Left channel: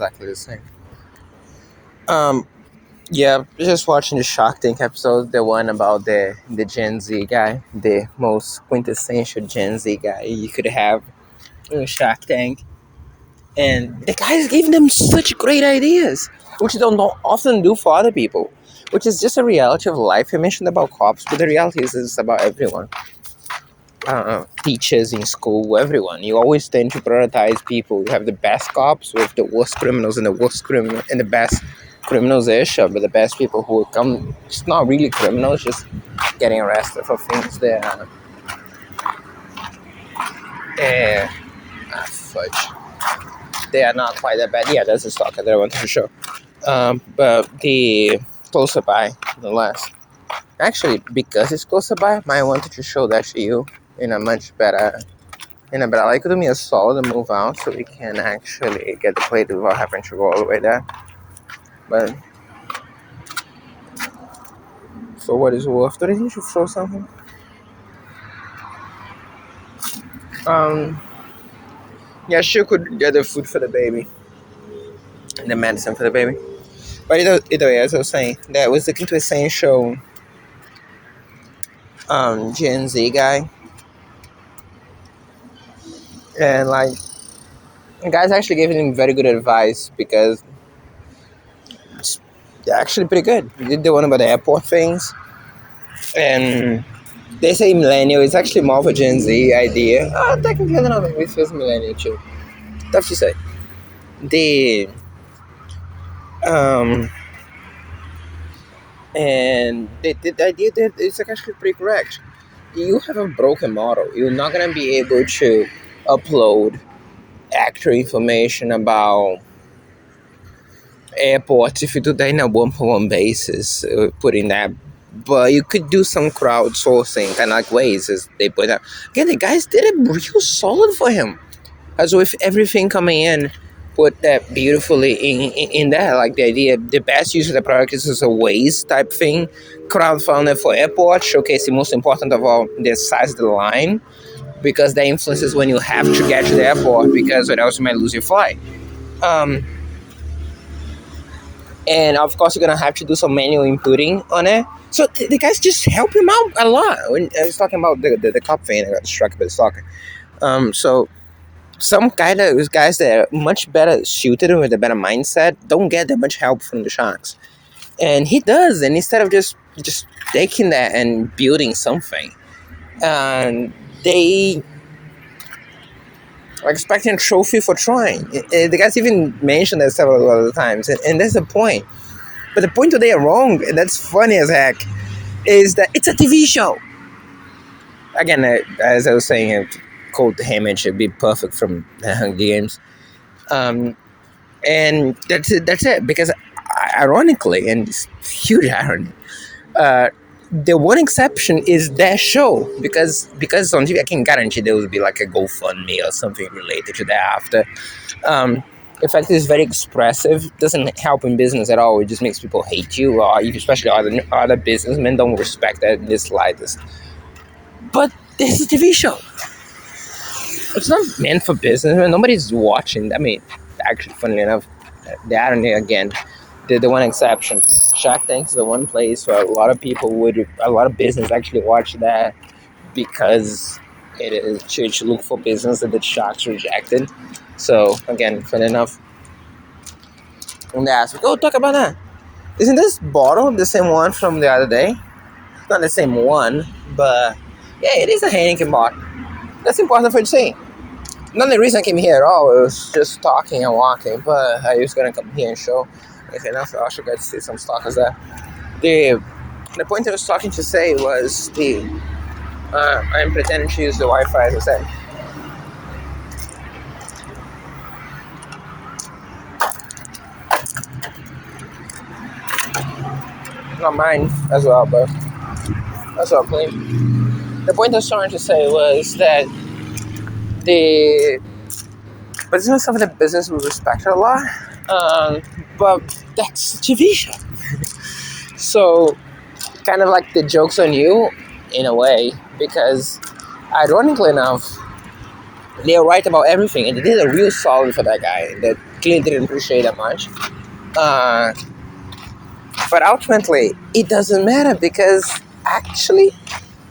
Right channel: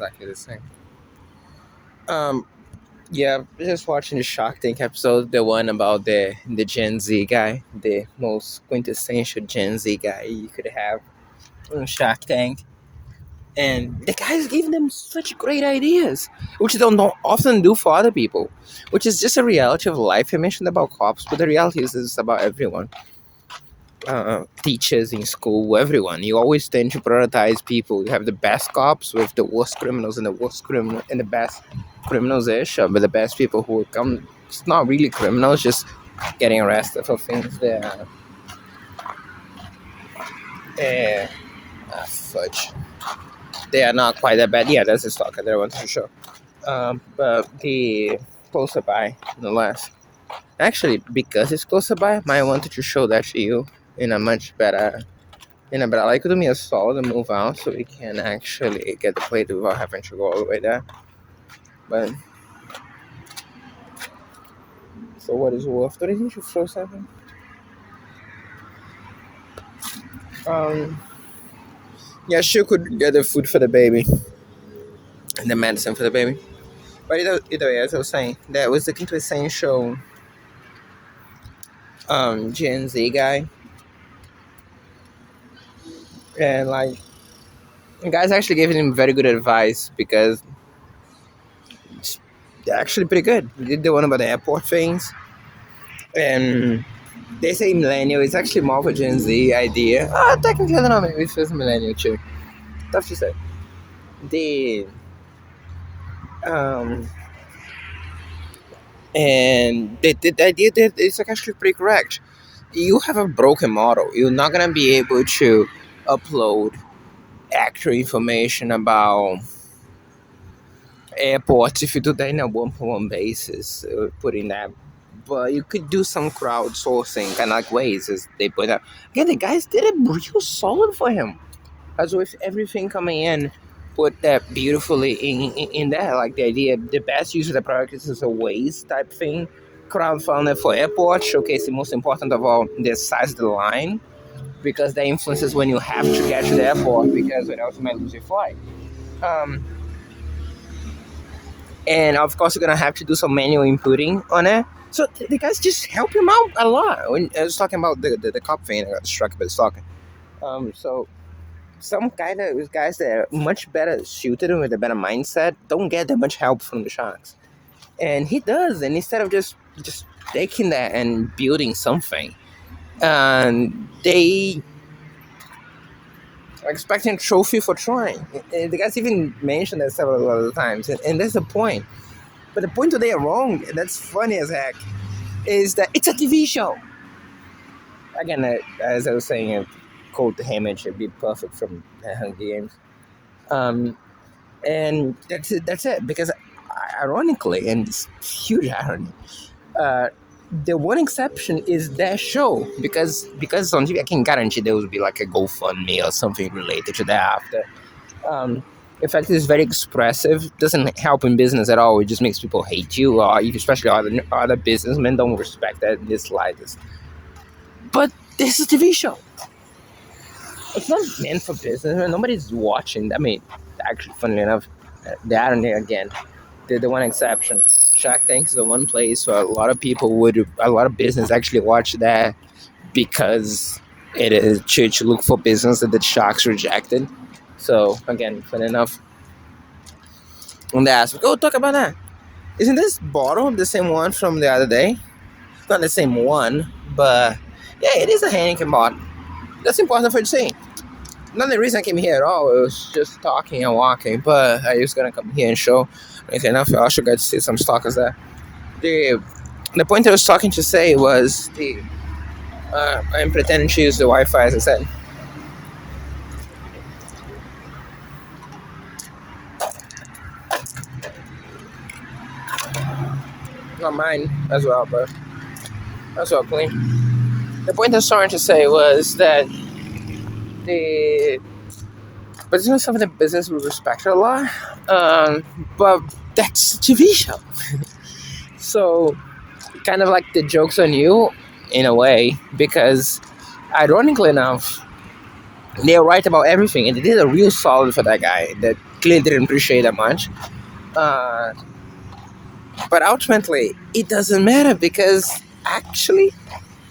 exactly the same. Um, yeah, just watching the Shark Tank episode, the one about the Gen Z guy, the most quintessential Gen Z guy you could have in Shark Tank, and the guys gave them such great ideas, which they don't often do for other people, which is just a reality of life. I mentioned about cops, but the reality is it's about everyone. Teachers in school, everyone. You always tend to prioritize people. You have the best cops with the worst criminals and the best criminals ish, but the best people who come, it's not really criminals, just getting arrested for things that eh, fudge. They are not quite that bad. Yeah, that's the stalker that I wanted to show. But the closer by, nonetheless. Actually, because it's closer by, I wanted to show that to you in a much better. But I like to do me a solid to move out so we can actually get the plate without having to go all the way there. But for what it's worth, do you think you should show something? Yeah, she could get the food for the baby and the medicine for the baby. But either way, as I was saying, that was looking to essential Gen Z guy. And like, the guy's actually giving him very good advice because it's actually pretty good. We did the one about the airport things. And they say millennial, it's actually more of a Gen Z idea. Technically, I don't know, maybe it feels millennial too. Tough to say. The and the idea that it's actually pretty correct. You have a broken model. You're not gonna be able to upload accurate information about airports if you do that in a one-to-one basis, putting that. But you could do some crowdsourcing, kind of like ways, as they point out. Again, the guys did it real solid for him. As with everything coming in, put that beautifully in there. Like the idea, the best use of the product is as a ways type thing. Crowdfunding for airports, showcase the most important of all, the size of the line, because that influences when you have to get to the airport, because or else you might lose your flight. And of course, you're gonna have to do some manual inputting on it. So the guys just help him out a lot. When I was talking about the cop thing, I got distracted by the stalker. So some guys that are much better suited with a better mindset don't get that much help from the sharks, and he does. And instead of just taking that and building something, they are expecting a trophy for trying. The guys even mentioned that several other times, and that's the point. But the point that they are wrong, and that's funny as heck, is that it's a TV show. Again, as I was saying, Cold Image would be perfect from the Hunger Games. And that's it. Because ironically, and it's huge irony, the one exception is that show. Because it's on TV, I can guarantee there will be like a GoFundMe or something related to that after. In fact, it's very expressive. Doesn't help in business at all. It just makes people hate you, or especially other businessmen don't respect that in the slightest. But this is a TV show. It's not meant for business. Nobody's watching. I mean, actually, funny enough, the irony again, the one exception. Shark Tank is the one place where a lot of business actually watch that because it is to look for business that the sharks rejected. So again, funny enough, when they ask, talk about that. Isn't this bottle the same one from the other day? Not the same one, but yeah, it is a Heineken bottle. That's important for you to say. Not the reason I came here at all. It was just talking and walking, but I was gonna come here and show. Okay, enough. I also got to see some stalkers there. The point I was talking to say was I'm pretending to use the Wi-Fi, as I said. Not mine as well, but that's all clean. The point I was trying to say was that the business of the business we respect a lot, but that's a TV show. So, kind of like the joke's on you, in a way, because ironically enough, they're right about everything, and they did a real solid for that guy. That clearly didn't appreciate that much. Uh, but ultimately, it doesn't matter because actually,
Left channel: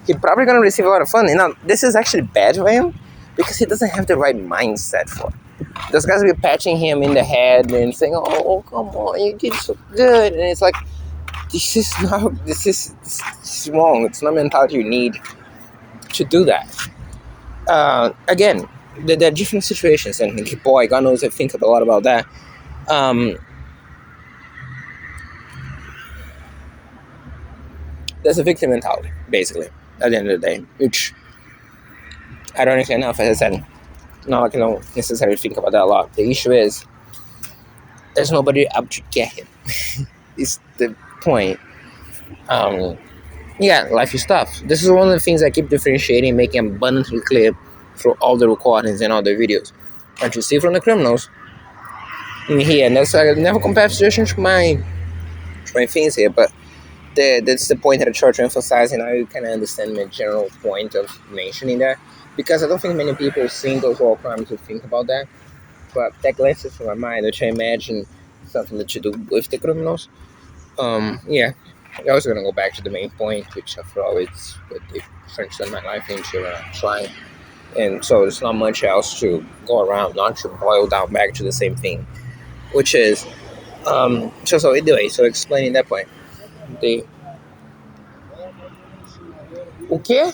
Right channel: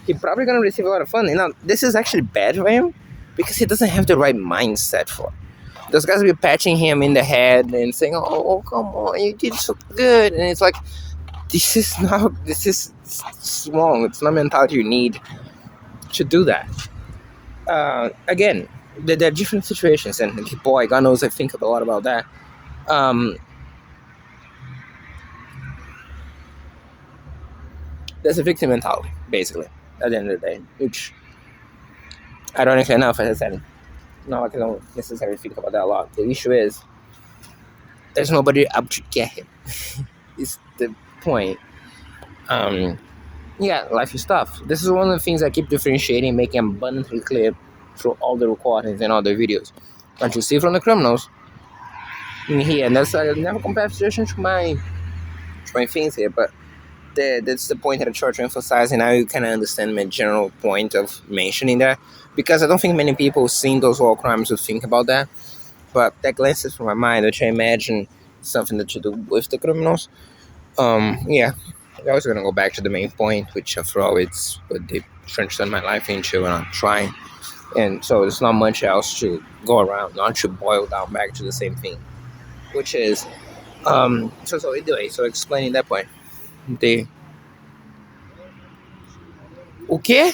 he's probably gonna receive a lot of fun. You know, this is actually bad for him because he doesn't have the right mindset for it. Those guys will be patching him in the head and saying, "Oh, come on, you did so good," and it's like, this is wrong. It's not mentality you need to do that. Again, there are different situations, and boy, God knows I think a lot about that. Um, there's a victim mentality, basically, at the end of the day, which ironically enough, as I said, now I don't necessarily think about that a lot. The issue is there's nobody up to get him. Is the point. Um, yeah, life is tough. This is one of the things I keep differentiating, making abundantly clear through all the recordings and all the videos. What you see from the criminals in here, and that's I never compare situation to my things here, but that's the point that I try to emphasize, and I kind of understand my general point of mentioning that because I don't think many people seeing those war crimes would think about that. But that glances through my mind, which I imagine something that you do with the criminals. Yeah, I was gonna go back to the main point, which after all, it's what they transformed my life into, and I'm trying. And so there's not much else to go around, not to boil down back to the same thing, which is, so anyway, so explaining that point, the o quê?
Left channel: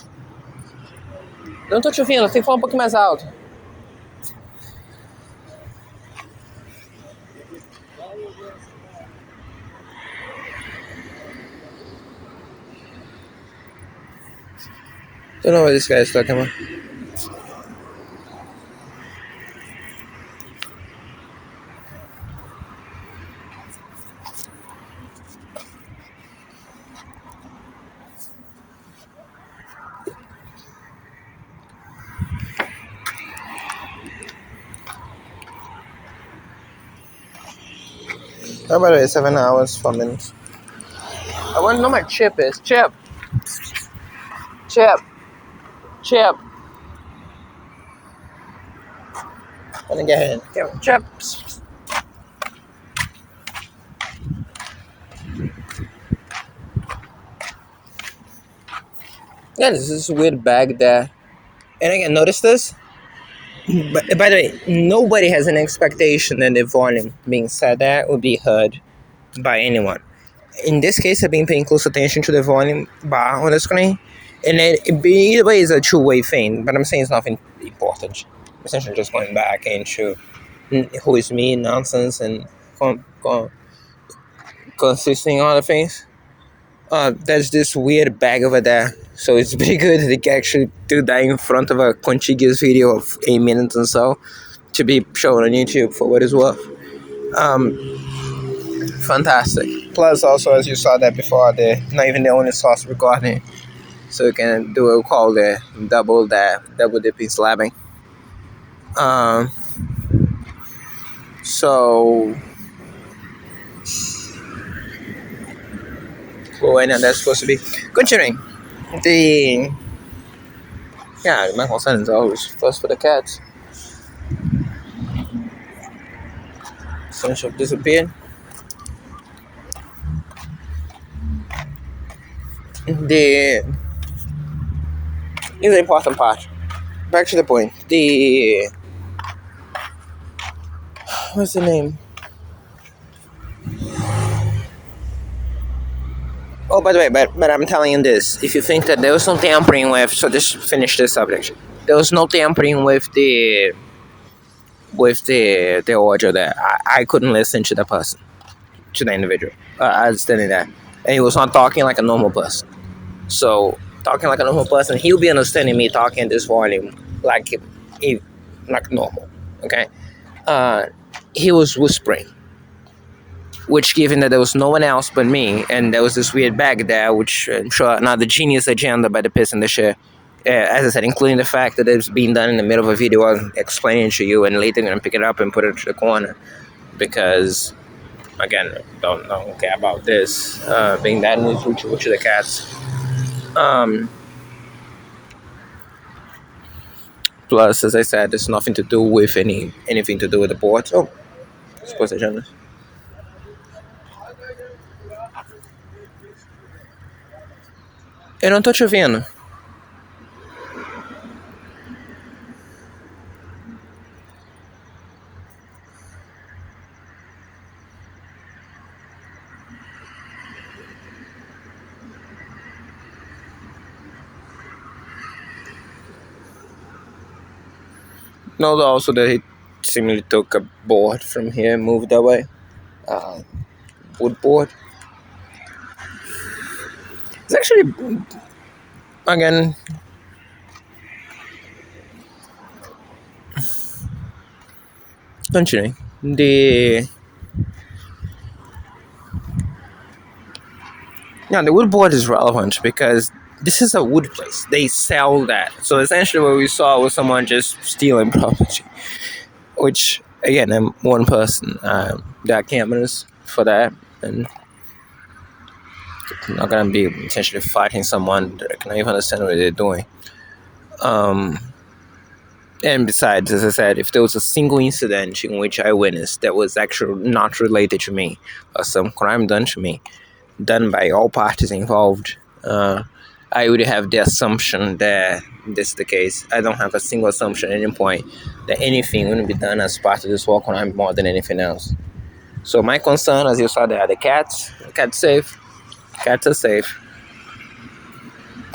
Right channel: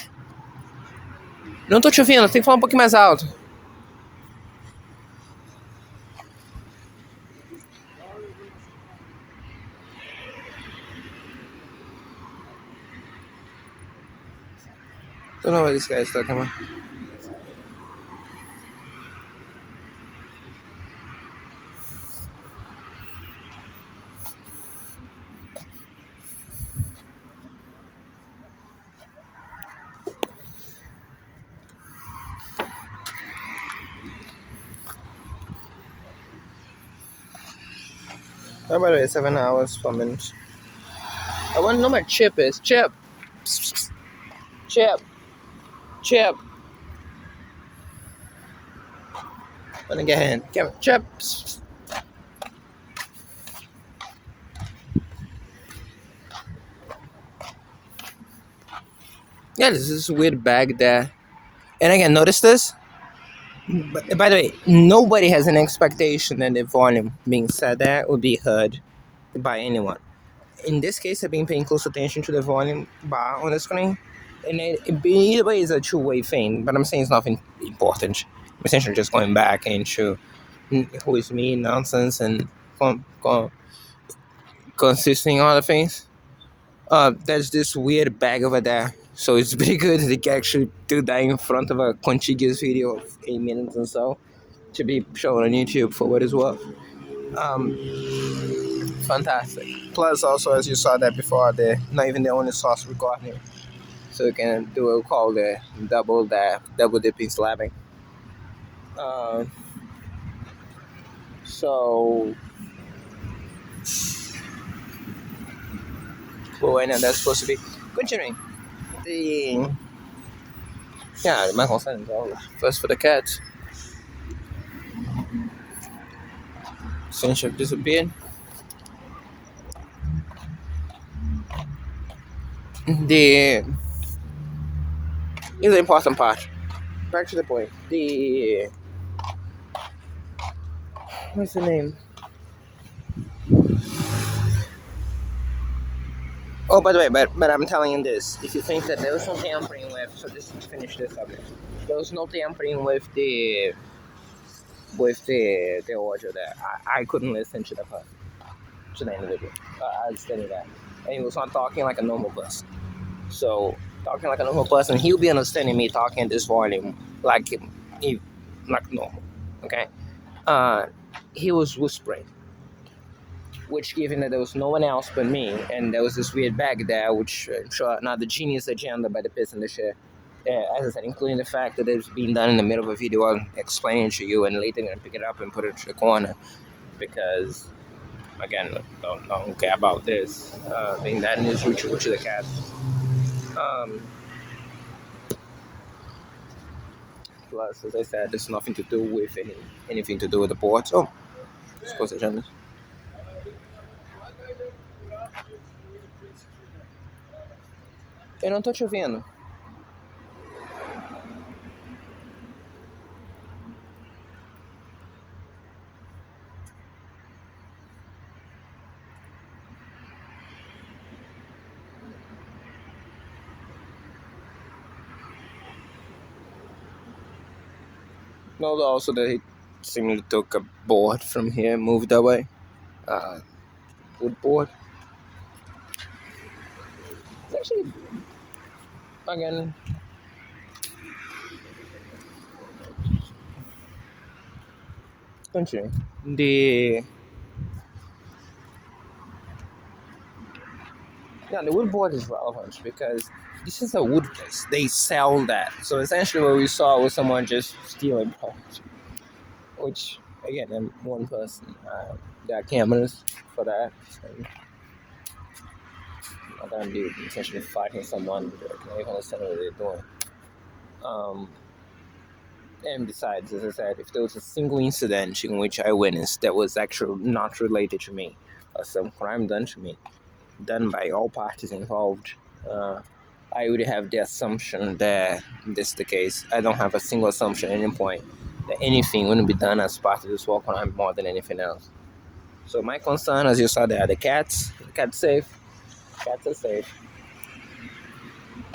Não tô te ouvindo, tem que falar um pouquinho mais alto. Don't know what this guy is talking about. How about it? 7 hours, 4 minutes. I want to know my chip is. Chip. Chip. Chip. Let me get in. Chip. Yeah, this is a weird bag there. And again, notice this? But, by the way, nobody has an expectation that the volume being said that would be heard by anyone. In this case, I've been paying close attention to the volume bar on the screen, and either way is a two-way thing. But I'm saying it's nothing important. I'm essentially just going back into who is me nonsense and consisting other things. There's this weird bag over there, so it's pretty good they can actually do that in front of a contiguous video of 8 minutes and so to be shown on YouTube for what it's worth. Fantastic. Plus, also as you saw that before, they're not even the only source recording, so you can do what we call the double dipping slabbing. So when that's supposed to be continuing the my concern is always first for the cats. Finish up disappeared. Here's the important part. Back to the point. What's the name? Oh, by the way, but I'm telling you this. If you think that there was no tampering with, so just finish this subject. There was no tampering with the audio that I couldn't listen to the person, to the individual. I understanding that, and he was not talking like a normal person. So talking like a normal person, he'll be understanding me talking at this volume like normal. Okay, he was whispering, which given that there was no one else but me, and there was this weird bag there, which I'm sure another genius agenda by the person to share. As I said, including the fact that it's being done in the middle of a video I'm explaining to you, and later I'm gonna pick it up and put it to the corner, because again, don't care about this being that news which of the cats. Plus, as I said, there's nothing to do with anything to do with the board. Oh, Esposa de Jonas. Eu não tô te ouvindo. No, also that he seemingly took a board from here and moved that way. Wood board. It's actually, again, continuing. The wood board is relevant because this is a wood place. They sell that. So essentially what we saw was someone just stealing property, which, again, I'm one person. There are cameras for that, and I'm not going to be essentially fighting someone that I can even understand what they're doing. And besides, as I said, if there was a single incident in which I witnessed that was actually not related to me, or some crime done to me, done by all parties involved, I would have the assumption that this is the case. I don't have a single assumption at any point that anything wouldn't be done as part of this war crime more than anything else. So my concern, as you saw there, the cats. The cats safe. Cats are safe.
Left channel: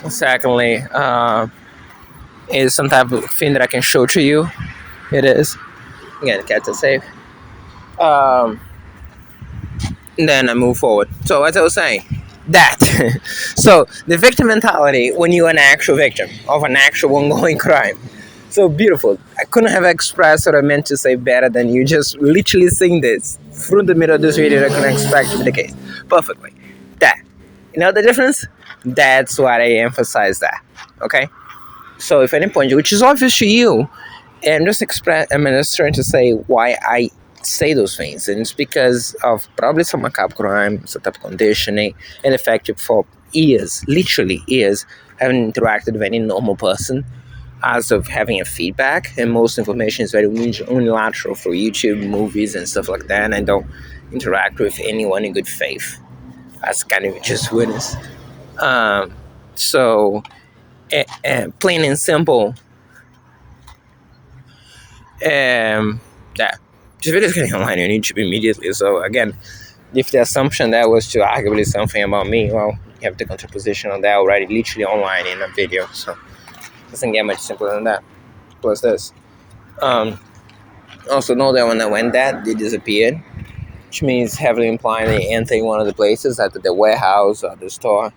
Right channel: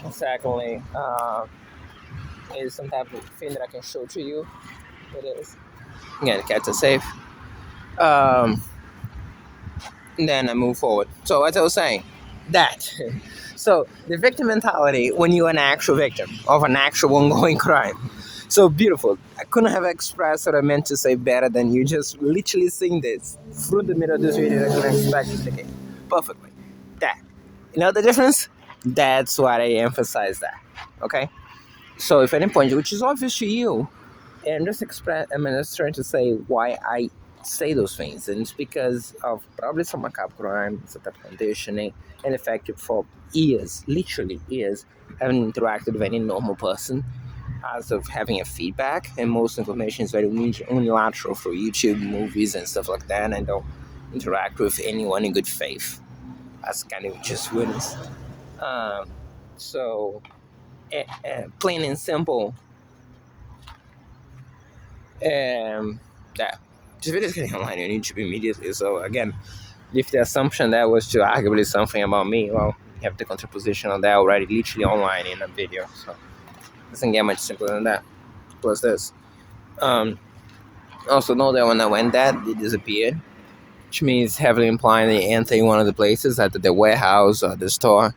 Secondly, is some type of thing that I can show to you. It is. Again, cats are safe. Then I move forward. So as I was saying, that. So the victim mentality when you're an actual victim of an actual ongoing crime. So beautiful. I couldn't have expressed what I meant to say better than you just literally saying this through the middle of this video. I couldn't expect to be the case. Perfectly. That. You know the difference? That's why I emphasize that. Okay? So if any point, which is obvious to you, and just I'm just trying to say why I say those things, and it's because of probably some macabre crime, some type of conditioning, and the fact that for years, literally years, haven't interacted with any normal person as of having a feedback, and most information is very unilateral through YouTube, movies, and stuff like that, and I don't interact with anyone in good faith, as kind of just witness. So, plain and simple, yeah, this video is getting online on YouTube immediately. So again, if the assumption that was to arguably something about me, well, you have the contraposition on that already, literally online in a video. So it doesn't get much simpler than that. Plus this. Also know that when I went that, they disappeared, which means heavily implying they entered one of the places, either the warehouse or the store.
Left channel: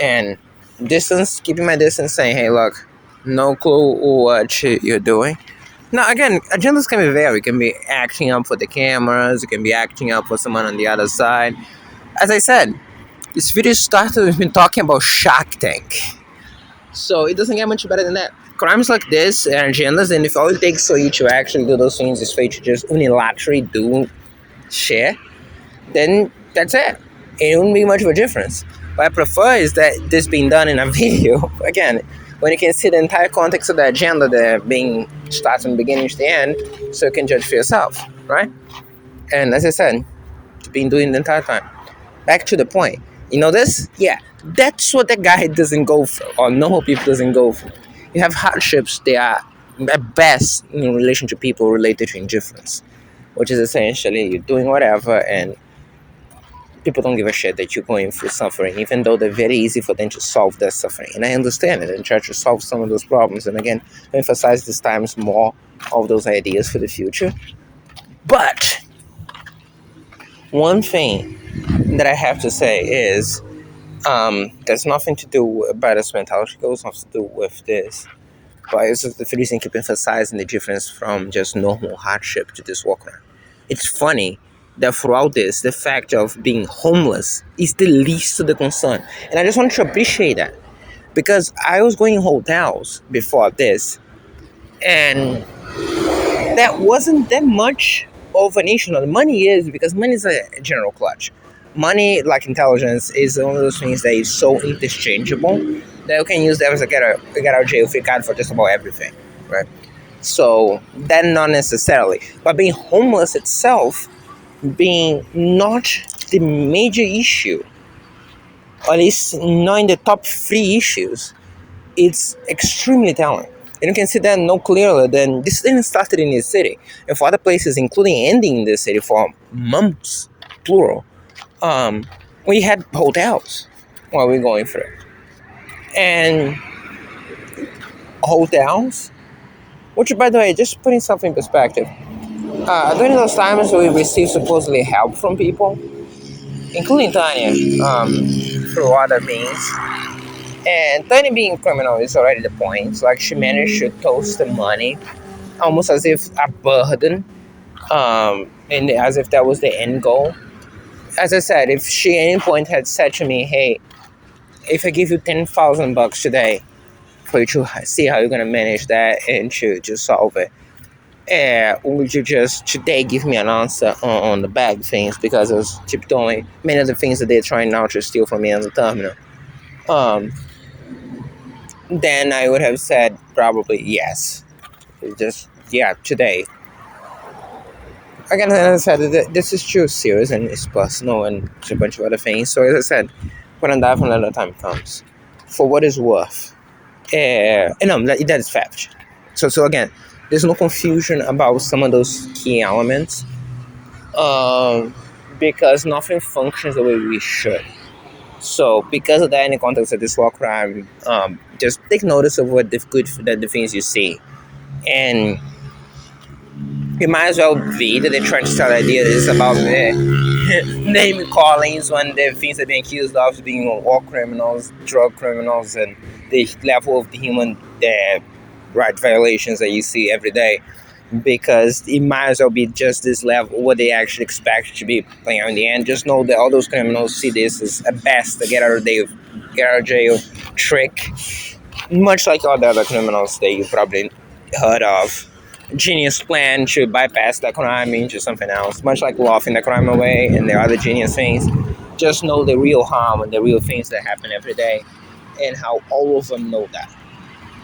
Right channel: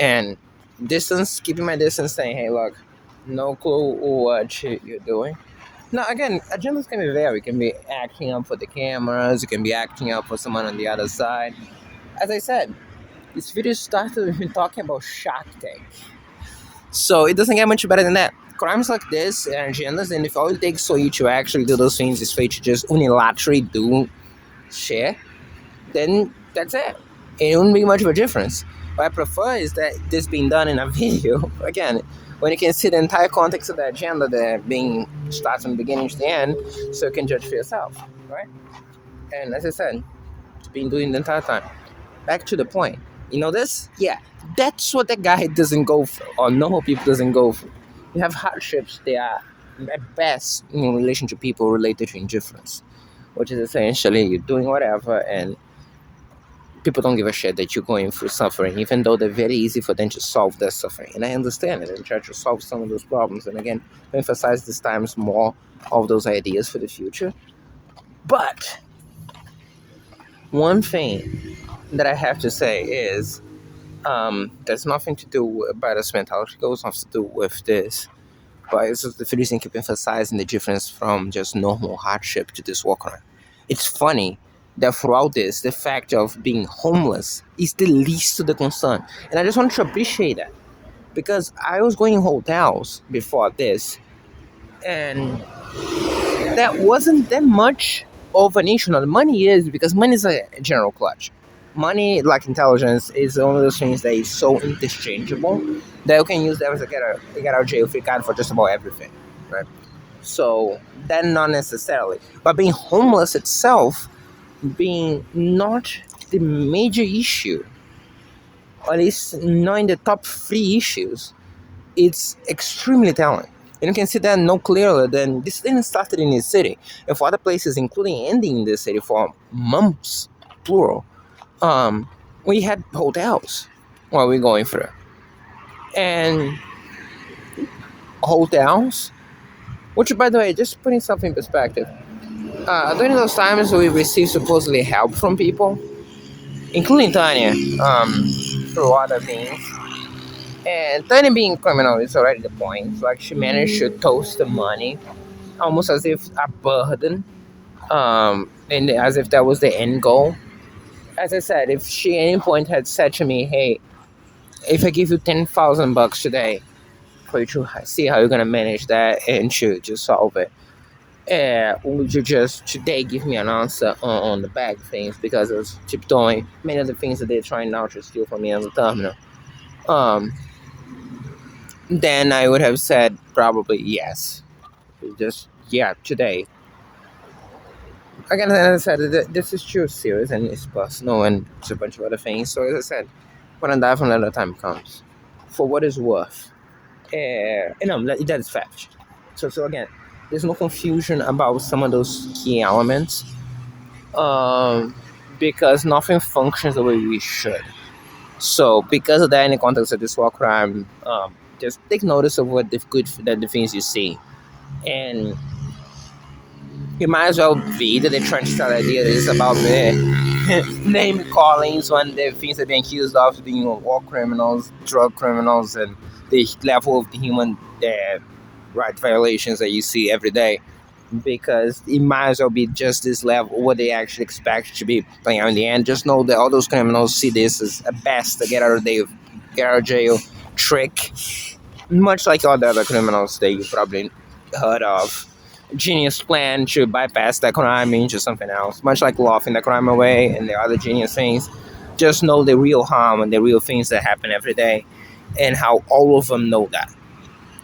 And distance, keeping my distance, saying, hey, look, no clue what you're doing. Now, again, agendas can be varied. It can be acting up for the cameras. It can be acting up for someone on the other side. As I said, this video started with me talking about Shark Tank. So it doesn't get much better than that. Crimes like this and agendas, and if all it takes for you to actually do those things is for you to just unilaterally do shit, then that's it. It wouldn't be much of a difference. What I prefer is that this being done in a video, again, when you can see the entire context of the agenda that being starts from the beginning to the end, so you can judge for yourself, right? And as I said, it's been doing the entire time. Back to the point. You know this? Yeah, that's what the guy doesn't go through, or normal people doesn't go through. You have hardships, they are at best in relation to people related to indifference, which is essentially you're doing whatever and people don't give a shit that you're going through suffering, even though they're very easy for them to solve their suffering. And I understand it and try to solve some of those problems. And again, emphasize this times more of those ideas for the future. But one thing that I have to say is there's nothing to do with this mentality. It goes nothing to do with this. But it's just the reason keep emphasizing the difference from just normal hardship to this walker. It's funny that throughout this, the fact of being homeless is the least of the concern. And I just want to appreciate that. Because I was going in hotels before this, and that wasn't that much of an issue. Now, the money is, because money is a general clutch. Money, like intelligence, is one of those things that is so interchangeable that you can use that as a get out of jail free card for just about everything, right? So, that not necessarily. But being homeless itself being not the major issue, or at least not in the top three issues, it's extremely telling. And you can see that no clearer than this didn't start in the city. And for other places, including ending in the city for months, plural, we had hotels while we are going through. And hotels, which by the way, just putting something in perspective, during those times we received supposedly help from people, including Tanya, through other means. And Tanya being criminal is already the point. It's like she managed to toast the money almost as if a burden, and as if that was the end goal. As I said, if she at any point had said to me, "Hey, if I give you $10,000 today for you to see how you're gonna manage that and to just solve it, would you just today give me an answer on the bag things because I was tiptoeing many of the things that they're trying now to steal from me on the terminal?" Then I would have said probably yes. Just yeah, today. Again, as I said, this is too serious and it's personal and it's a bunch of other things. So as I said, when I die when another time comes, for what it's worth, no, that is fact. So again, there's no confusion about some of those key elements, because nothing functions the way we should. So because of that, in the context of this war crime, just take notice of what the things you see, and it might as well be that they're trying to sell ideas about name callings when the things they're being accused of being war criminals, drug criminals, and the level of the human right violations that you see every day. Because it might as well be just this level, what they actually expect to be playing out in the end. Just know that all those criminals see this as a best get out of jail trick, much like all the other criminals that you probably heard of. Genius plan to bypass the crime into something else, much like laughing the crime away and the other genius things. Just know the real harm and the real things that happen every day, and how all of them know that.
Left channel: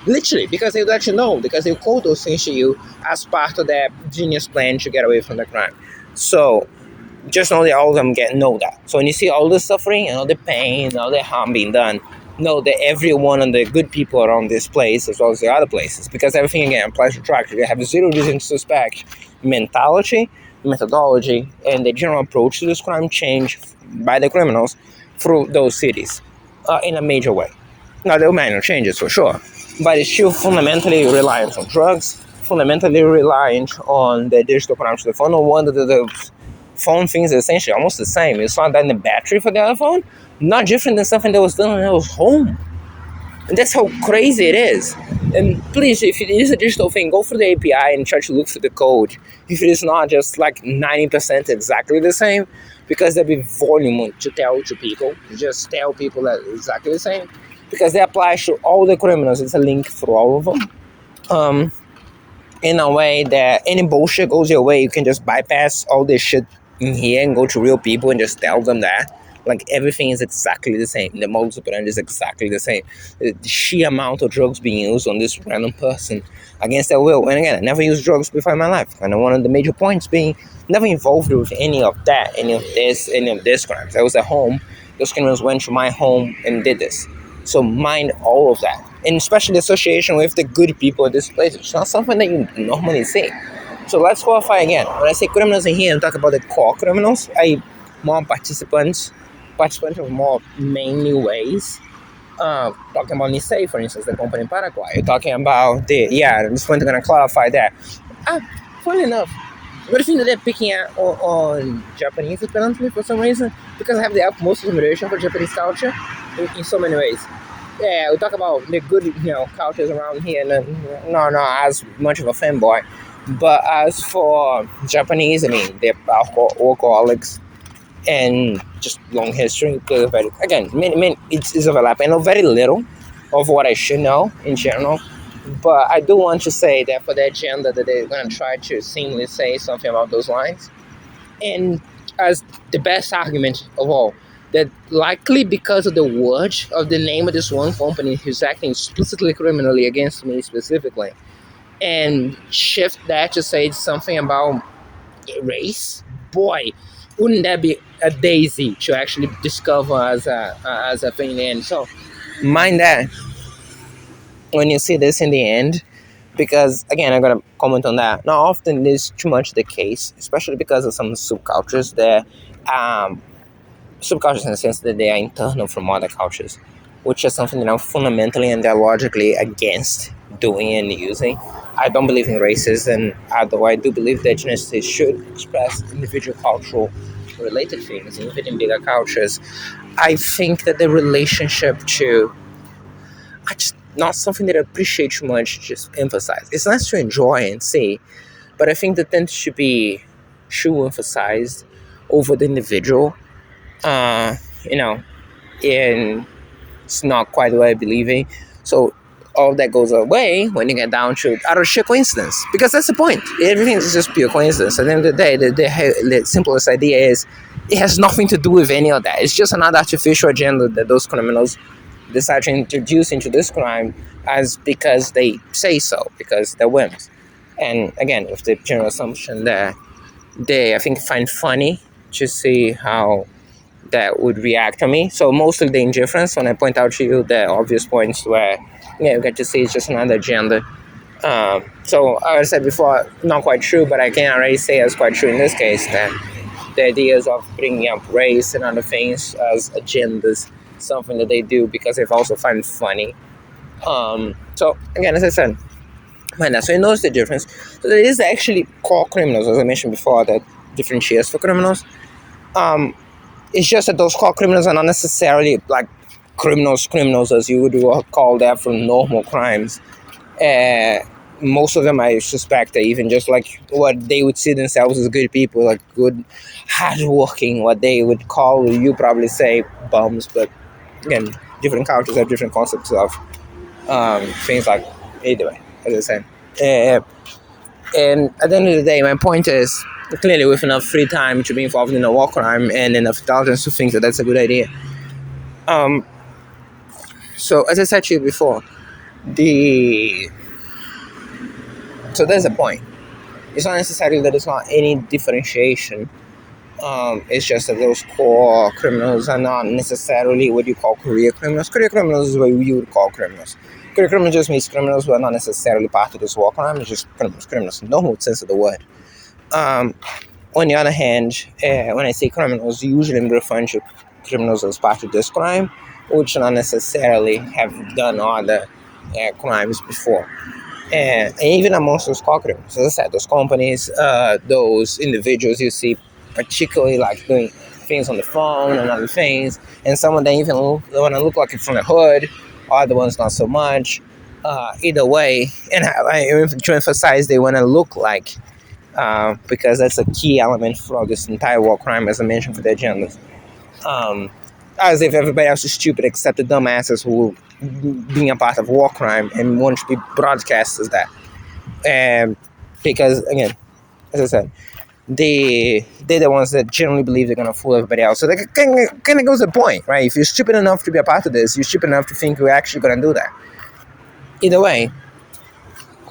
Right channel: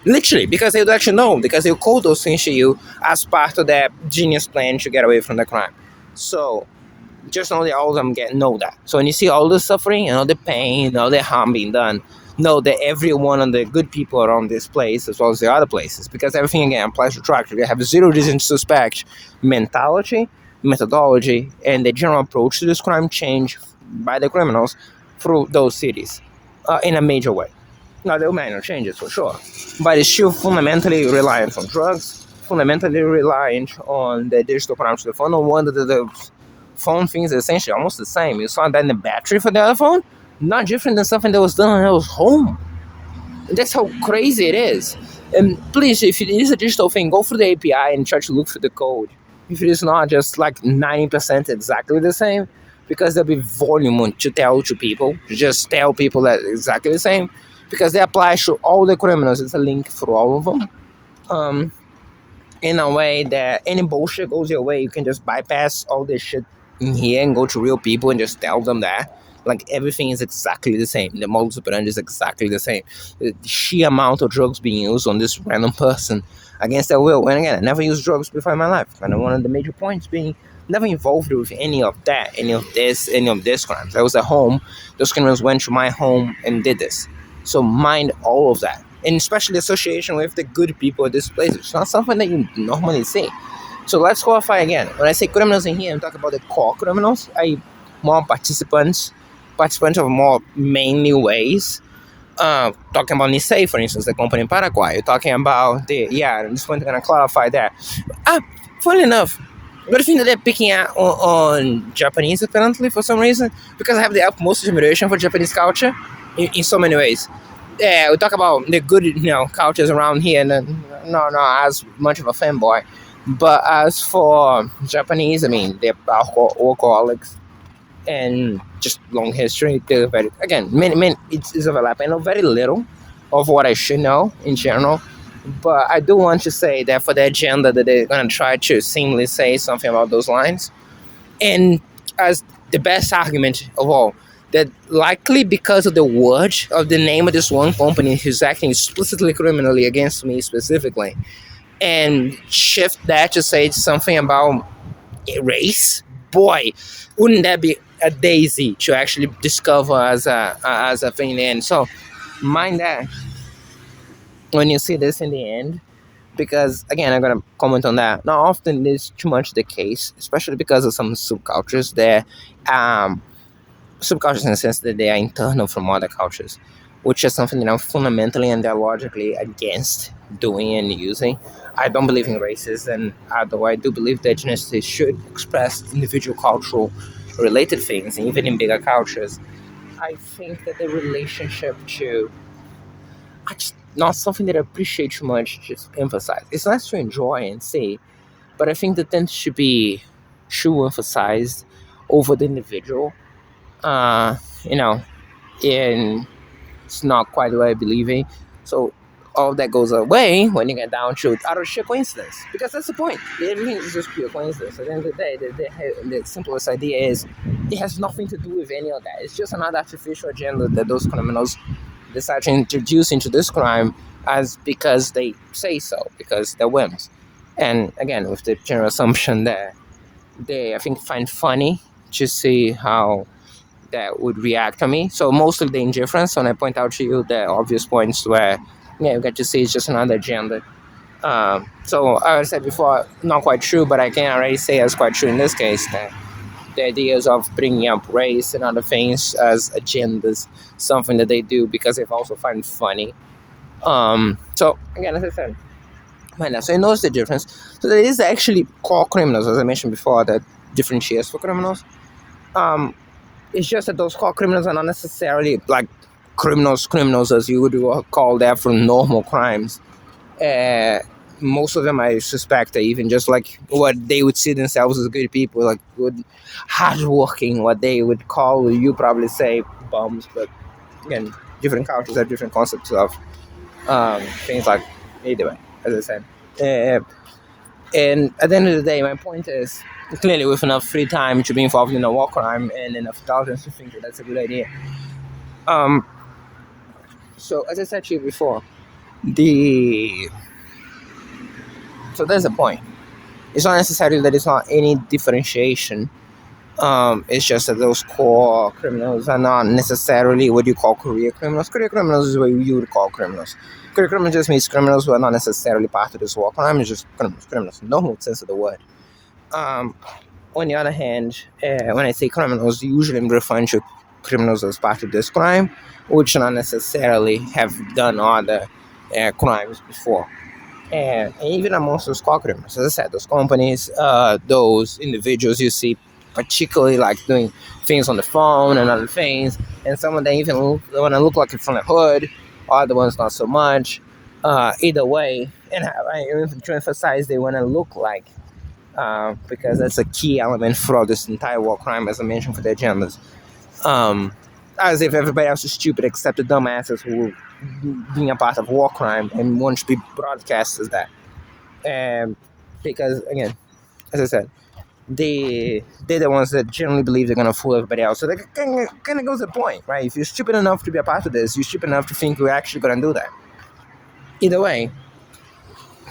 Literally, because they actually know, because they'll call those things to you as part of that genius plan to get away from the crime. So just know that all of them know that. So when you see all the suffering and all the pain and all the harm being done, know that every one of the good people around this place, as well as the other places, because everything again applies to tractor. They have a zero reason to suspect mentality, methodology, and the general approach to this crime change by the criminals through those cities in a major way. Now there are minor changes for sure, but it's still fundamentally reliant on drugs, fundamentally reliant on the digital crime to the phone. No wonder that the phone things are essentially almost the same. You saw that in the battery for the other phone, not different than something that was done when I was home. And that's how crazy it is. And please, if it is a digital thing, go through the API and try to look for the code. If it is not just like 90% exactly the same, because there'll be volume to tell to people, just tell people that it's exactly the same, because they apply to all the criminals. It's a link for all of them. In a way that any bullshit goes your way, you can just bypass all this shit in here and go to real people and just tell them that. Like everything is exactly the same. The modus operandi is exactly the same. The sheer amount of drugs being used on this random person against their will. And again, I never used drugs before in my life. And one of the major points being never involved with any of that, any of this crimes. I was at home. Those criminals went to my home and did this. So mind all of that. And especially the association with the good people at this place. It's not something that you normally see. So let's qualify again. When I say criminals in here, I talk about the core criminals. More participants of more mainly ways. Talking about Nisei, for instance, the company in Paraguay. Talking about this point I'm going to clarify that. Funny enough, but the thing that they're picking out on Japanese apparently for some reason, because I have the utmost admiration for Japanese culture in so many ways. Yeah, we talk about the good, cultures around here, and then not as much of a fanboy. But as for Japanese, I mean, they're alcoholics and just long history. Again, it's overlapping. I know very little of what I should know in general, but I do want to say that for the agenda that they're going to try to seemingly say something about those lines. And as the best argument of all, that likely because of the word of the name of this one company who's acting explicitly criminally against me specifically, and shift that to say something about race, boy, wouldn't that be a daisy to actually discover as a thing in the end? So mind that when you see this in the end, because again, I'm gonna comment on that. Not often is too much the case, especially because of some subcultures there. Subcultures in the sense that they are internal from other cultures, which is something that I'm fundamentally and ideologically against doing and using. I don't believe in racism, although I do believe that ethnicity should express individual cultural related things, even in bigger cultures. I think that the relationship to, I just not something that I appreciate too much, just emphasize. It's nice to enjoy and see, but I think that tends to be too emphasized over the individual. Uh, you know, and it's not quite the way I believe in. So all that goes away when you get down to out of sheer coincidence, because that's the point. Everything is just pure coincidence. At the end of the day, the simplest idea is it has nothing to do with any of that. It's just another artificial agenda that those criminals decide to introduce into this crime as because they say so, because they're whims. And again, with the general assumption that they, I think, find funny to see how that would react on me. So mostly the indifference when I point out to you the obvious points where, yeah, you get to see it's just another agenda. So as I said before, not quite true, but I can already say it's quite true in this case that the ideas of bringing up race and other things as agendas, something that they do because they also find it funny. So again, as I said, so he knows the difference. So there is actually core criminals, as I mentioned before, that differentiates for criminals. It's just that those core criminals are not necessarily like criminals as you would call that for normal crimes. Most of them, I suspect, are even just like what they would see themselves as good people, like good, hardworking, what they would call, you probably say, bums. But again, different cultures have different concepts of things like, either way, as I say. And at the end of the day, my point is, clearly with enough free time to be involved in a war crime and enough intelligence to think that that's a good idea. So as I said to you before, so there's a point. It's not necessarily that it's not any differentiation. It's just that those core criminals are not necessarily what you call career criminals. Career criminals is what you would call criminals. Career criminals just means criminals who are not necessarily part of this war crime. It's just criminals in the normal sense of the word. On the other hand, when I say criminals, usually I'm referring to criminals as part of this crime, which not necessarily have done other crimes before. And even amongst those core criminals, as I said, those companies, those individuals you see particularly like doing things on the phone and other things, and some of them even want to look like it from the hood, other ones not so much. Either way, and to emphasize, they want to look like, because that's a key element for this entire war crime, as I mentioned, for the agendas. As if everybody else is stupid except the dumbasses who being a part of war crime and want to be broadcast as that. And because, again, as I said, they're the ones that generally believe they're going to fool everybody else. So that kind of goes to the point, right? If you're stupid enough to be a part of this, you're stupid enough to think we're actually going to do that. Either way,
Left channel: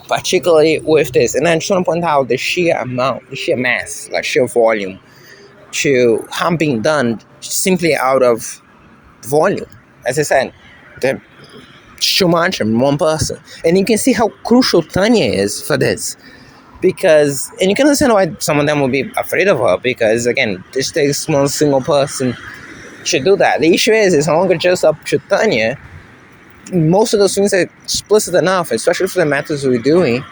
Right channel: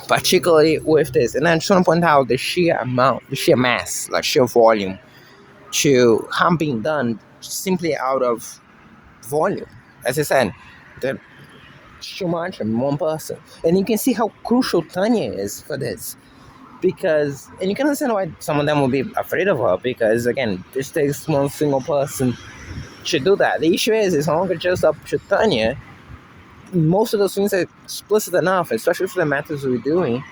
particularly with this, and I just want to point out the sheer amount, the sheer mass, like sheer volume to harm being done simply out of volume. As I said, the too much in one person. And you can see how crucial Tanya is for this. Because, and you can understand why some of them will be afraid of her, because again, this takes one single person to do that. The issue is, it's no longer just up to Tanya. Most of those things are explicit enough, especially for the matters we're doing,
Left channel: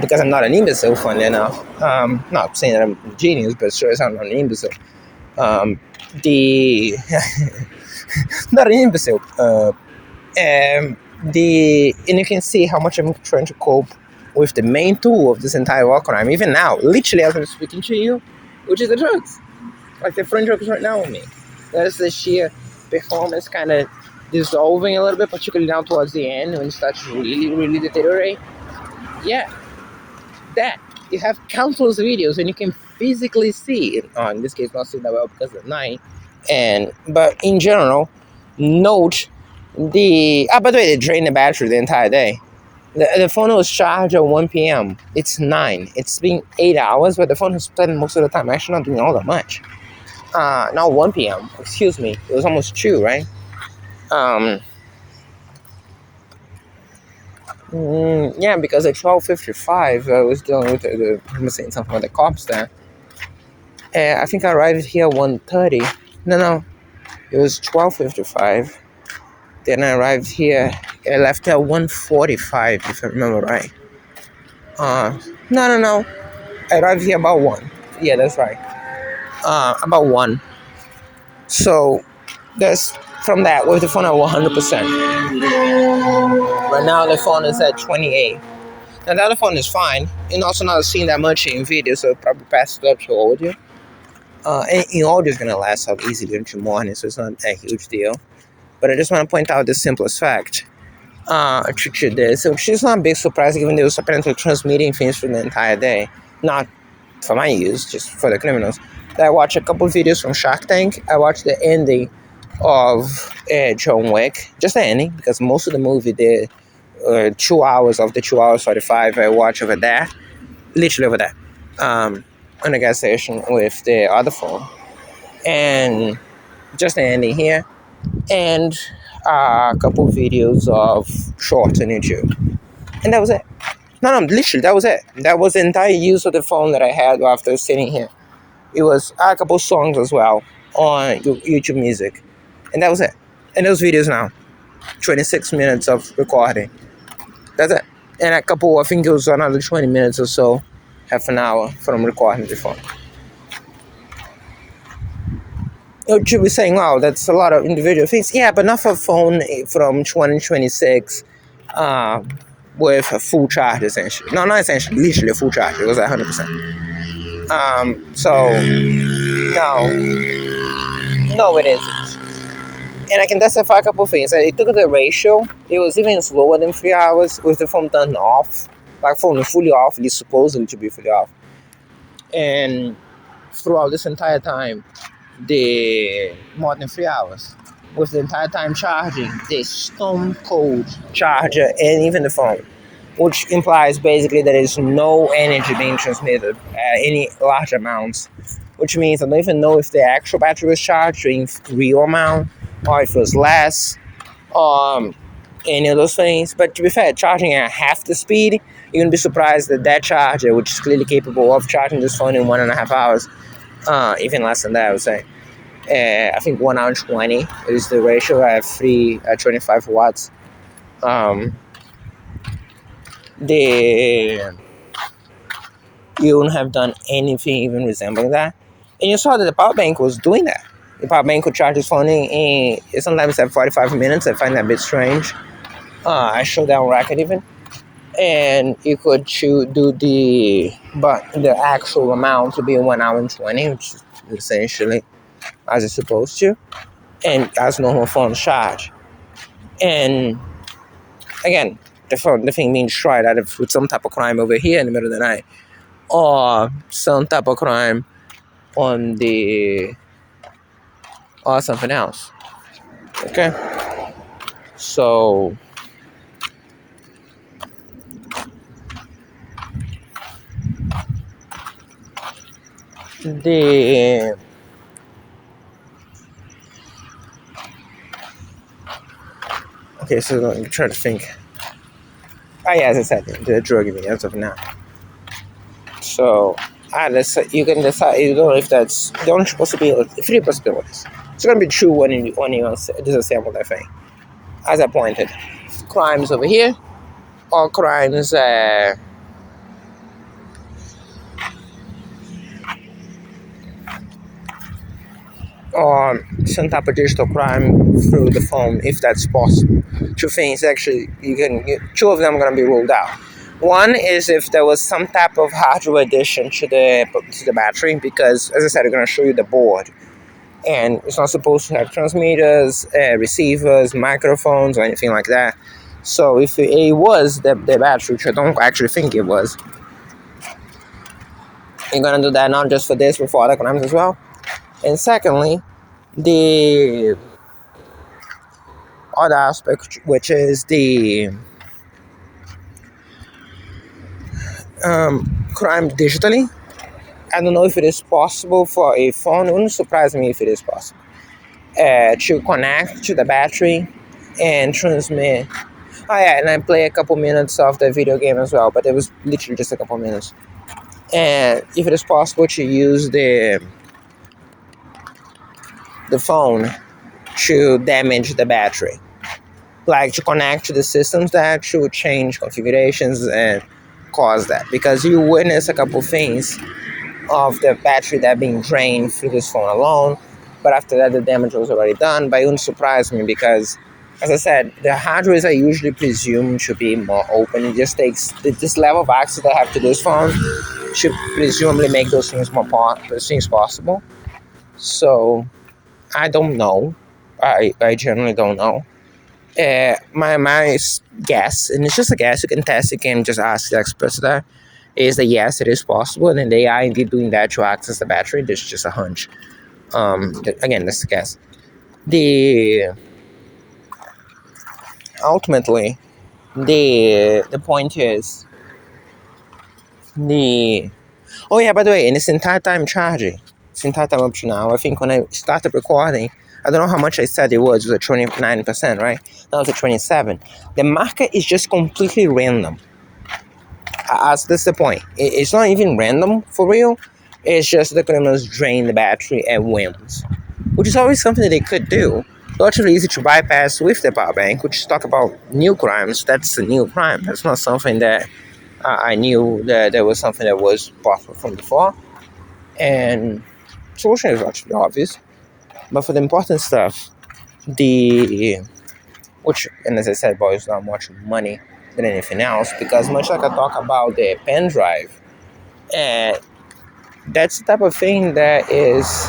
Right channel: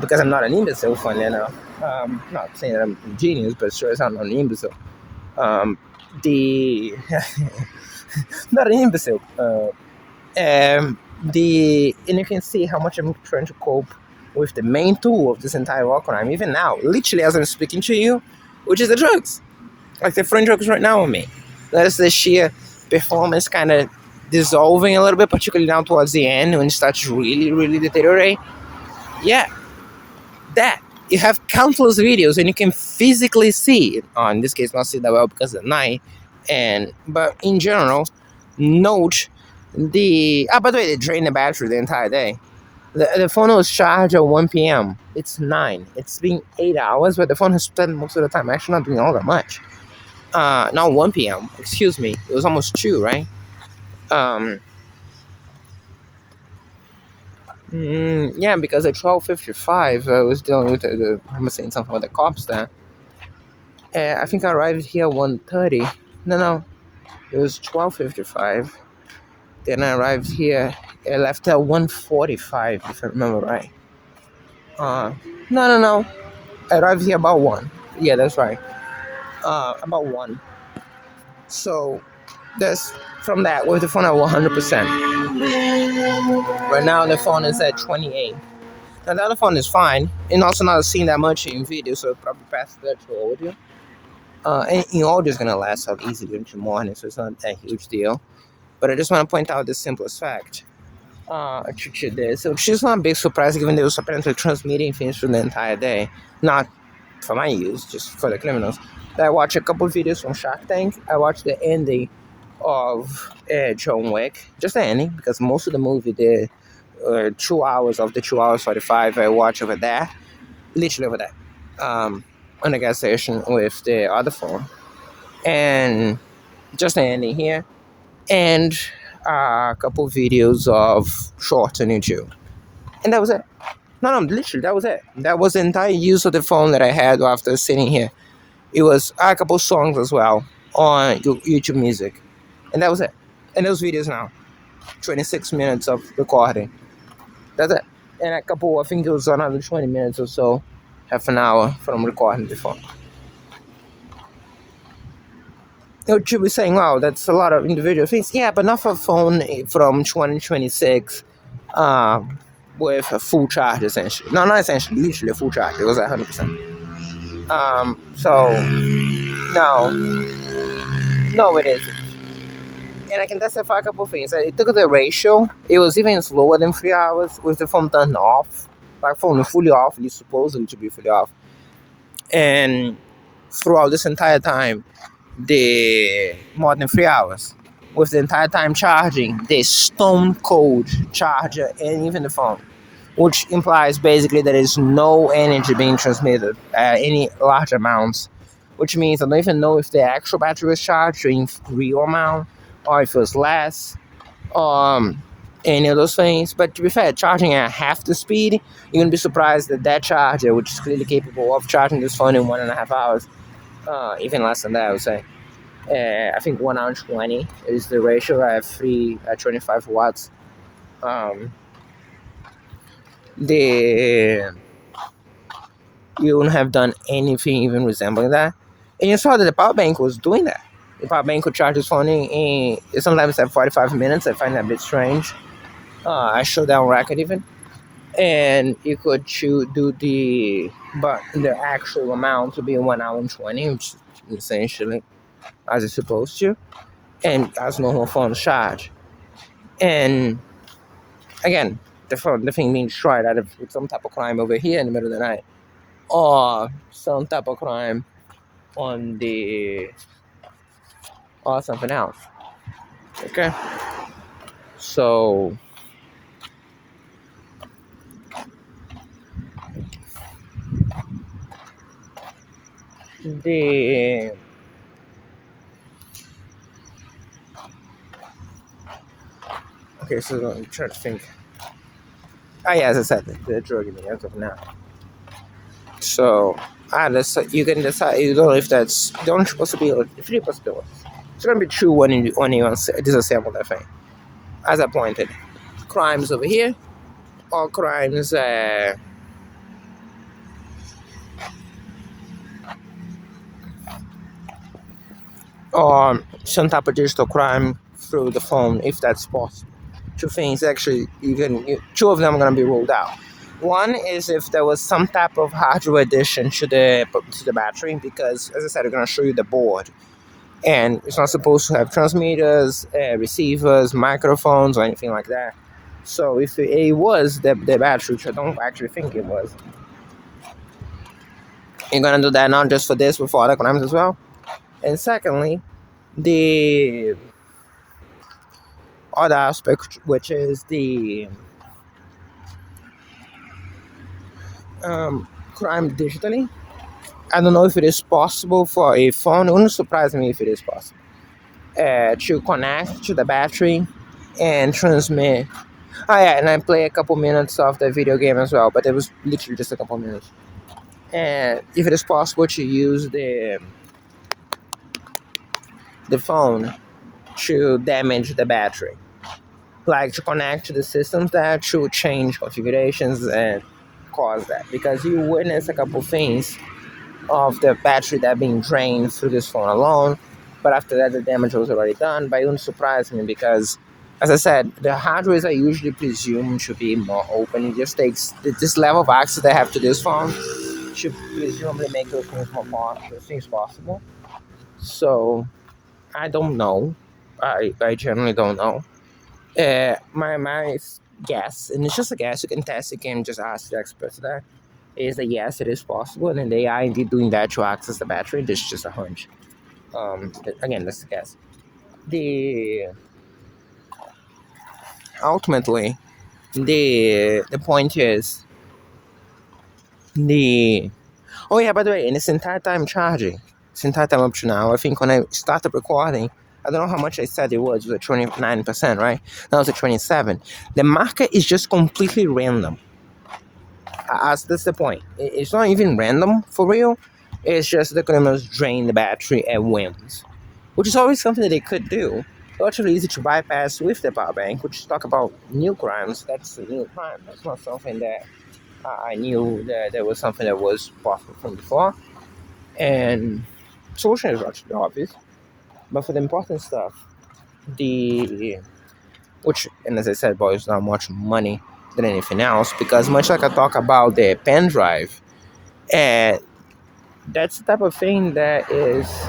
because I'm not an imbecile, funny enough. Not saying that I'm a genius, but sure as I'm not an imbecile. Not an imbecile. And you can see how much I'm trying to cope with the main tool of this entire war crime, even now, literally as I'm speaking to you, which is the drugs. Like the front drugs right now on me. That is the sheer performance kind of dissolving a little bit, particularly now towards the end when it starts to really, really deteriorate. Yeah, that. You have countless videos and you can physically see, in this case, not see that well because of the night, but in general, note by the way, they drain the battery the entire day. The phone was charged at 1 p.m. It's 9. It's been 8 hours, but the phone has spent most of the time actually not doing all that much. Not 1 p.m. Excuse me. It was almost 2, right? Yeah, because at 12:55, I was dealing with I was saying something with the cops there. I think I arrived here at 1:30. No, it was 12:55. Then I arrived here. I left at 1:45, if I remember right. No. I arrived here about 1. Yeah, that's right. About 1. So that's from that with the phone at 100%. Right now the phone is at 28. And the other phone is fine, and also not seeing that much in video, so probably pass it up to audio. And in audio is gonna last out easily into morning, so it's not a huge deal. But I just want to point out the simplest fact to this, which is not a big surprise given they was apparently transmitting things for the entire day, not for my use, just for the criminals. I watched a couple videos from Shark Tank. I watched the ending of John Wick, just the ending, because most of the movie, the 2 hours of the 2 hours 45, I watched over there, literally over there, on the gas station with the other phone, and just the ending here, and a couple videos of shorts on YouTube, and that was it. No, literally, that was it. That was the entire use of the phone that I had after sitting here. It was a couple songs as well on YouTube Music, and that was it. And those videos now, 26 minutes of recording. That's it. And a couple, I think it was another 20 minutes or so, half an hour from recording the phone. You should be saying, wow, that's a lot of individual things. Yeah, but not for a phone from 2026 with a full charge, essentially. No, not essentially, literally a full charge. It was 100%. No, it isn't. And I can testify a couple of things. It took the ratio. It was even slower than 3 hours with the phone turned off. Like phone fully off, it's supposedly to be fully off. And throughout this entire time, the more than 3 hours, with the entire time charging, the stone cold charger and even the phone, which implies basically there is no energy being transmitted, any large amounts, which means I don't even know if the actual battery was charged in real amount or if it was less, any of those things. But to be fair, charging at half the speed, you're gonna be surprised that that charger, which is clearly capable of charging this phone in 1.5 hours, even less than that, I would say. I think 1 hour 20 is the ratio. I have 25 watts. You wouldn't have done anything even resembling that. And you saw that the power bank was doing that. The power bank could charge his phone in sometimes at 45 minutes. I find that a bit strange. I showed that on record even. And you could do the actual amount to be 1 hour and 20, which is essentially as it's supposed to, and as normal phone charge. And again, the thing being destroyed out of with some type of crime over here in the middle of the night, or some type of crime on the or something else. Okay, so the okay, so let me try to think. Yeah, as I said, the drug me as of now. So you can decide. You don't know if that's the only possibility. 3 possibilities. It's gonna be true when you disassemble that thing. As I pointed, crimes over here, or crimes or some type of digital crime through the phone, if that's possible. 2 things actually. 2 of them are gonna be ruled out. One is if there was some type of hardware addition to the battery, because as I said, I'm gonna show you the board, and it's not supposed to have transmitters, receivers, microphones, or anything like that. So if it was the battery, which I don't actually think it was, you're gonna do that not just for this, but for other crimes as well. And secondly, the other aspect, which is the crime digitally. I don't know if it is possible for a phone. It wouldn't surprise me if it is possible to connect to the battery and transmit. Oh yeah, and I play a couple minutes of the video game as well, but it was literally just a couple minutes. And if it is possible to use the phone to damage the battery, like to connect to the systems that should change configurations and cause that, because you witness a couple things of the battery that being drained through this phone alone, but after that the damage was already done. But it wouldn't surprise me because, as I said, the hardware are usually presumed to be more open. It just takes this level of access they have to this phone should presumably make those things things possible. So I don't know. I generally don't know. My guess, and it's just a guess, you can test, you can just ask the experts there, is that yes, it is possible, and they are indeed doing that to access the battery. This is just a hunch. Again, that's a guess. The ultimately, the point is the oh yeah, by the way, and this entire time charging, this entire time up to now, I think when I started recording, I don't know how much I said it was at 29%, right? Now it's at 27. The market is just completely random. As that's the point. It's not even random for real. It's just the criminals drain the battery and wins, which is always something that they could do. Relatively easy to bypass with the power bank, which is talk about new crimes. That's a new crime. That's not something that I knew that there was something that was possible from before. And solution is actually obvious. But for the important stuff, which, and as I said, boys, not much money than anything else, because much like I talk about the pen drive, uh, that's the type of thing that is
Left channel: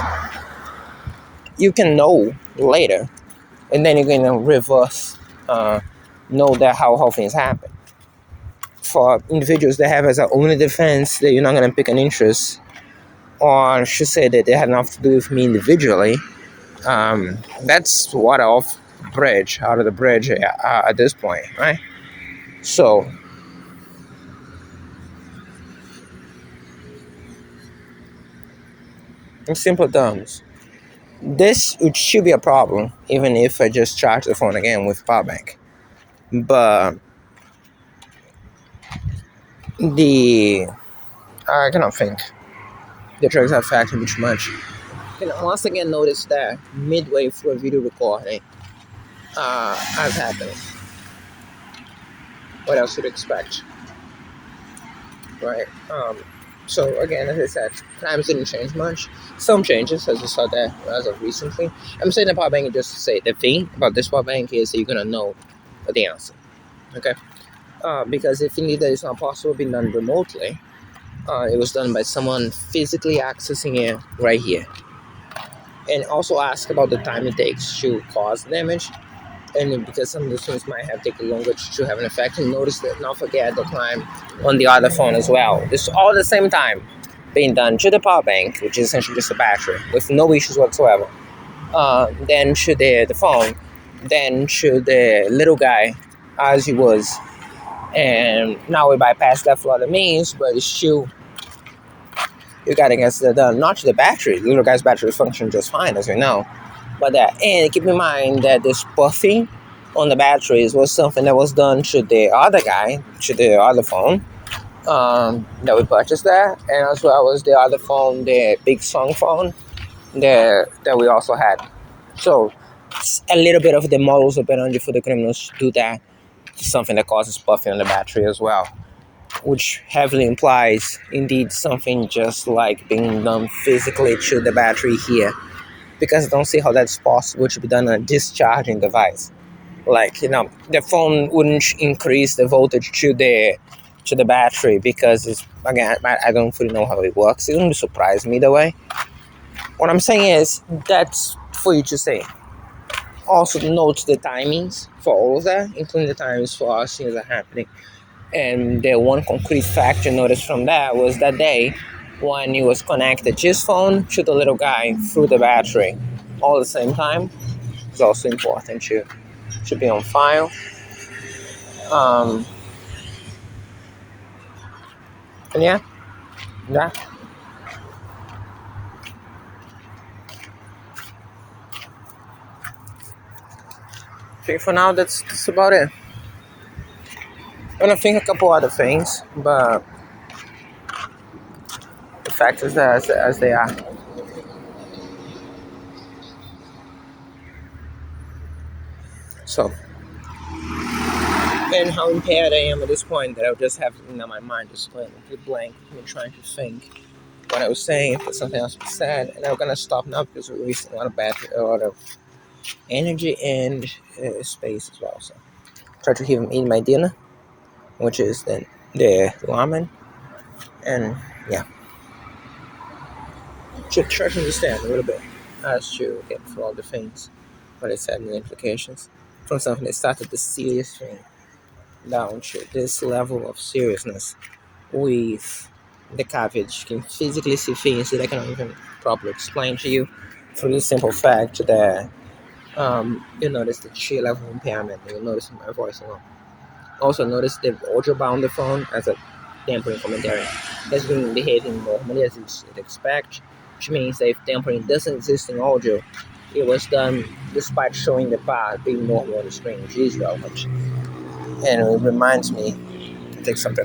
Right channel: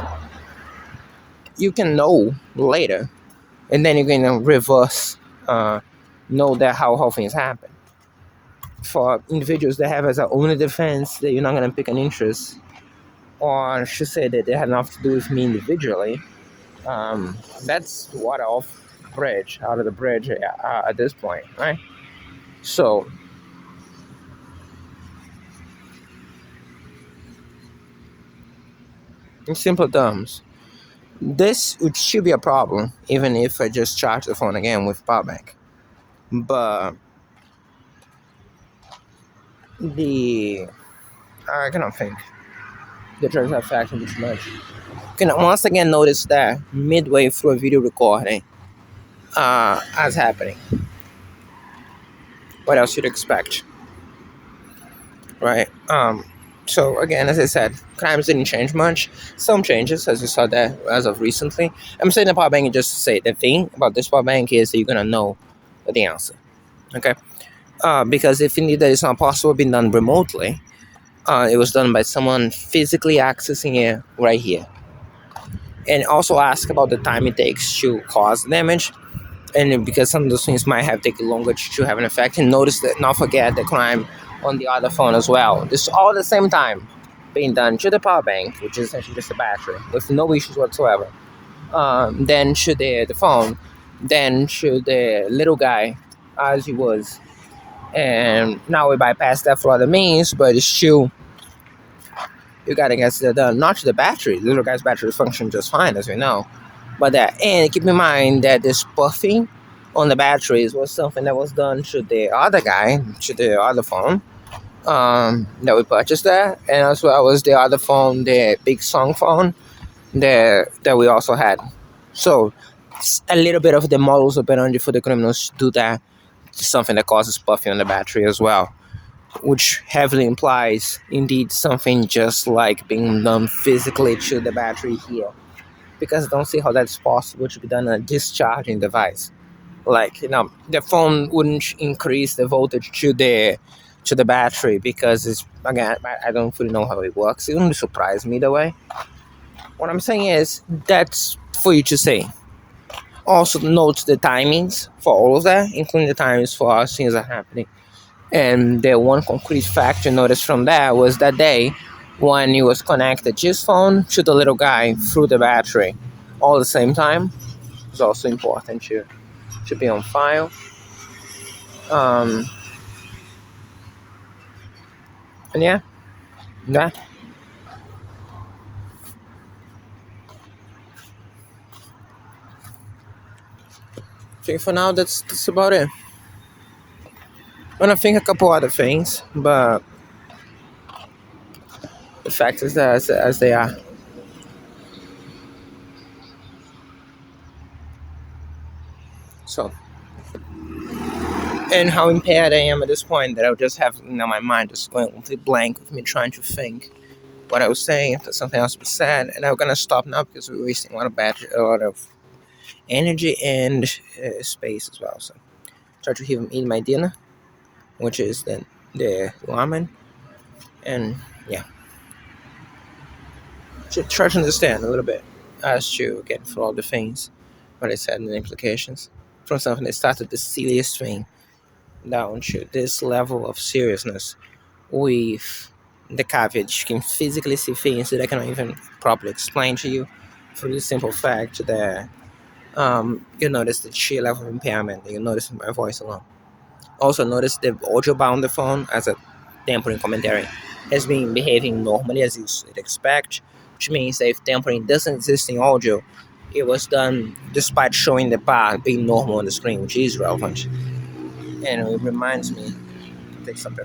you can know later, and then you can reverse know that how things happen. For individuals that have as their only defense that you're not going to pick an interest, or I should say that they had nothing to do with me individually, that's water off bridge out of the bridge at this point, right? So in simple terms, this should be a problem, even if I just charge the phone again with power bank. But I cannot think. The drugs have factored too much. You can once again notice that midway through a video recording, as happening. What else you'd expect, right? So again, as I said, crimes didn't change much. Some changes, as you saw there, as of recently. I'm saying the power bank, and just to say the thing about this power bank is that you're gonna know the answer, okay? Because if indeed that is not possible being done remotely, it was done by someone physically accessing it right here. And also ask about the time it takes to cause damage, and because some of those things might have taken longer to have an effect. And notice that, not forget the crime on the other phone as well. This all at the same time being done to the power bank, which is essentially just a battery with no issues whatsoever. Then to the phone, then to the little guy as he was. And now we bypass that for other means, but it's still, you gotta get it done. Not to the battery. The little guy's battery functions just fine, as we know. But that, and keep in mind that this puffing on the batteries was something that was done to the other guy, to the other phone that we purchased there, and as well as the other phone, the big song phone that we also had. So a little bit of the models operandi for the criminals to do that, something that causes puffing on the battery as well, which heavily implies indeed something just like being done physically to the battery here, because I don't see how that's possible to be done on a discharging device. Like, the phone wouldn't increase the voltage to the battery, because it's, again, I don't fully know how it works. It wouldn't surprise me either way. What I'm saying is, that's for you to say. Also note the timings for all of that, including the times for how things are happening. And the one concrete fact you noticed from that was that day when he was connected his phone to the little guy through the battery all at the same time. It's also important to be on file. And yeah, that. I think for now that's about it. I'm gonna think a couple other things, but the fact is that as they are. So, and how impaired I am at this point that I just have my mind just going completely blank with me trying to think what I was saying, if something else was said, and I'm gonna stop now because we're wasting a lot of energy and space as well. So, try to even eat my dinner, which is then the ramen, and yeah, to try to understand a little bit as to get through all the things what I said and the implications from something that started the silliest thing down to this level of seriousness with the cabbage can physically see things that I cannot even properly explain to you for the simple fact that you notice the sheer level of impairment that you notice in my voice alone. Also notice the audio bound the phone as a tempering commentary has been behaving normally as you'd expect, which means that if tempering doesn't exist in audio, it was done despite showing the bar being normal on the screen, which is relevant. And it reminds me, take some